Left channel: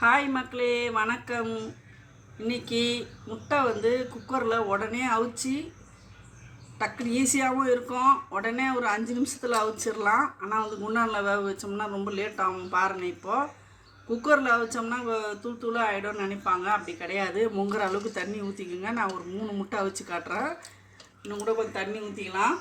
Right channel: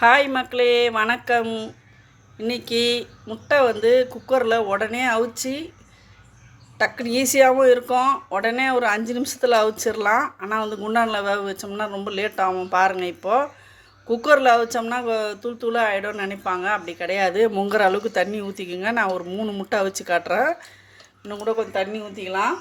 Hi மக்களே வணக்கம். இன்னைக்கு முட்டை வந்து குக்கரில் உடனே அவிச்சு டக்குனு ஈஸியாகவும் இருக்கும். உடனே ஒரு அஞ்சு நிமிஷத்தில் அவிச்சிடலாம். ஆனால் வந்து குண்டானில் வேக வச்சோம்னா ரொம்ப லேட் ஆகும் பாருங்கள் இப்போது குக்கரில் அவிச்சோம்னா தூள் தூளாக ஆகிடும்னு நினைப்பாங்க. அப்படி கிடையாது. முங்குற அளவுக்கு தண்ணி ஊற்றிக்குங்க நான் ஒரு மூணு முட்டை அவிச்சு காட்டுறேன். இன்னும் கூட கொஞ்சம் தண்ணி ஊற்றிக்கலாம்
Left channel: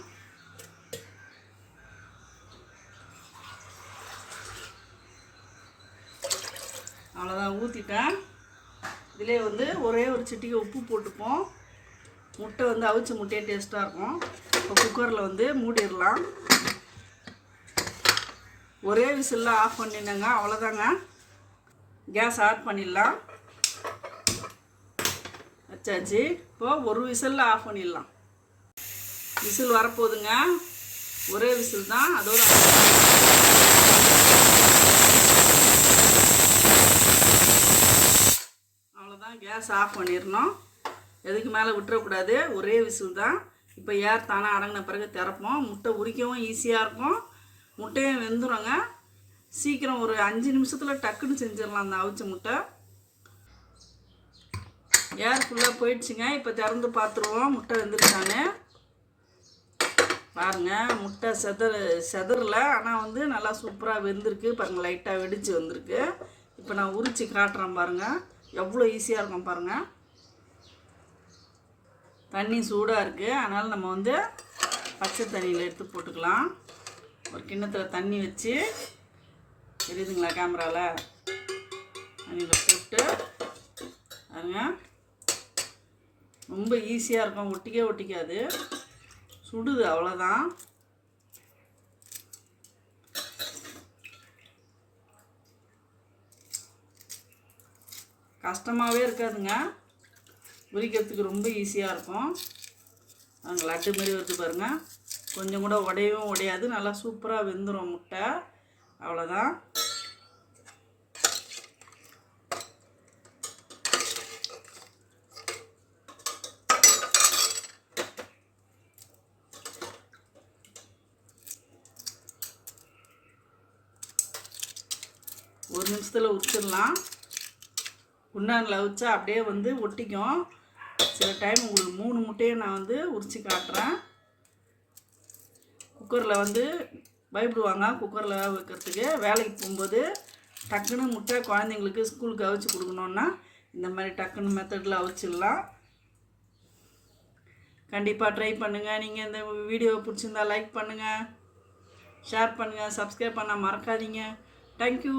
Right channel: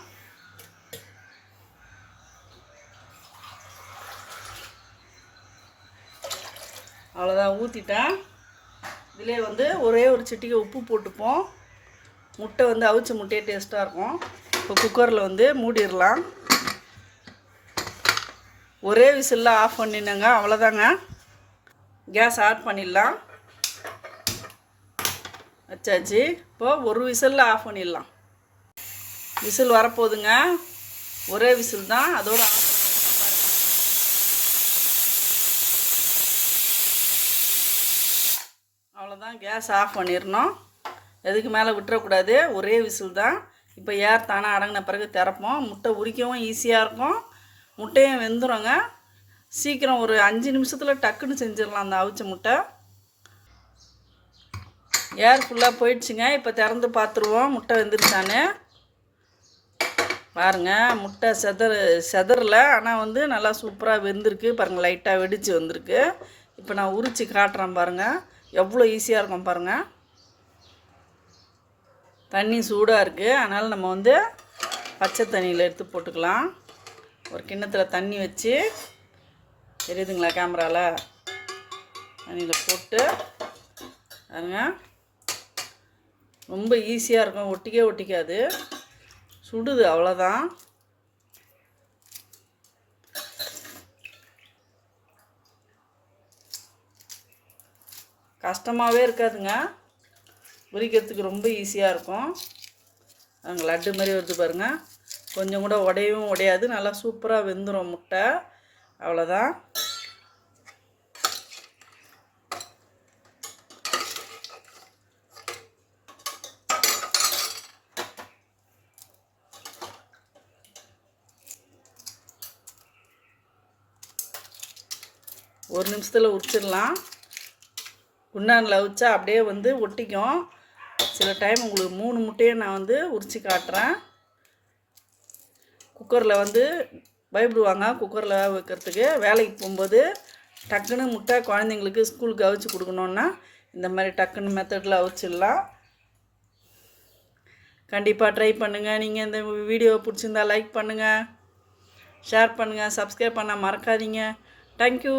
அவ்வளோதான் ஊற்றிட்டேன் இதிலே வந்து ஒரே ஒரு சிட்டிக்கு உப்பு போட்டுப்போம். முட்டை வந்து அவிச்ச முட்டையே டேஸ்ட்டாக இருக்கும். இப்போ குக்கரில் வந்து மூடிடலாம். ஒரே விசிலில் ஆஃப் பண்ணினேங்க அவ்வளோதாங்க கேஸ் ஆட் பண்ணிடலாம். வச்சாச்சு இப்போ ஒரு விசிலில் ஆஃப் பண்ணிடலாம். விசில் வரப்போகுதுங்க. ஒரே விசில் தான் அதோட தான் கேஸ் ஆஃப் பண்ணிடணும் எதுக்கு மேலே விட்டுறக்கூடாது? ஒரே விசில் தான். இப்போ ஏர் தானே அடங்கின பிறகு திறப்போம். முட்டை உரிக்கவும் ஈஸியாக இருக்கும். முட்டையும் வெந்துருங்க. சீக்கிரம் ஒரு அஞ்சு நிமிஷத்தில் டக்குன்னு செஞ்சிடலாம் அந்த அவிச்ச முட்டை. ஏர் ஃபுல்லாக போயிடுச்சுங்க. இப்போ திறந்து பார்த்துருவோம் முட்டை வெந்துருச்சான்னு. பாருங்க முட்டை செதற செதறல. ஆனால் வந்து நல்லா சூப்பராக வெந்திருக்கு. பாருங்கள் லைட்டாக வெடிச்சு வந்திருக்கு. இப்போ நான் உரித்து காட்டுறேன் பாருங்கள் எவ்வளோ ஈஸியாக இருக்கும் பாருங்கள் தண்ணி சூடாக இருக்குது அதனால் நம்ம வந்து பச்சை தண்ணியில் எடுத்து போட்டுக்கலாம். ஒரு கிண்ணத்தில் தண்ணி வச்சு தெரியுதுங்களா கேமராவில் தண்ணியில் போட்டு பாருங்க. ரொம்ப ஈஸியாக இருக்கும். ஒட்டிக்கே ஒட்டிக்காது. சுடுது அவ்வளோதான் கஷ்டமாகவே இருக்காதுங்க. உரிக்கிறதுக்கு ரொம்ப ஈஸியாக இருக்கும். அங்கே லட்டு மாதிரி வருது பாருங்கள் கொஞ்சம் கூட உடையவும் உடையாது. நல்லா சூப்பராக வெந்துடும் முட்டை. அவ்வளோதான் ஒரு நிமிஷத்தில் உரிச்சிடலாம். குண்டானில் வச்சா அப்படியே வந்து ஒட்டிக்கும். சில டைம் உங்களுக்கு மூணு முட்டையை நான் வந்து உரிச்சு காட்டுறேன். குக்கரில் வந்து பயப்படுவாங்க குக்கரில் வைக்கிறதுக்கு. வேலைக்கு போகும்போது டக்குன்னு முட்டை குழந்தைங்களுக்கு ஸ்கூலுக்கு அவிச்சு கொடுக்கணுன்னா இந்த மாதிரி டக்குன்னு மெத்தடில் அவிச்சிடலாம். கண்டிப்பாக ட்ரை பண்ணுங்கள் நீங்கள் இந்த வீடியோ பிடிச்சிருந்தா லைக் பண்ணுங்கள் ஷேர் பண்ணுங்கள் சப்ஸ்கிரைப் பண்ண மறக்காதீங்க. தேங்க்யூ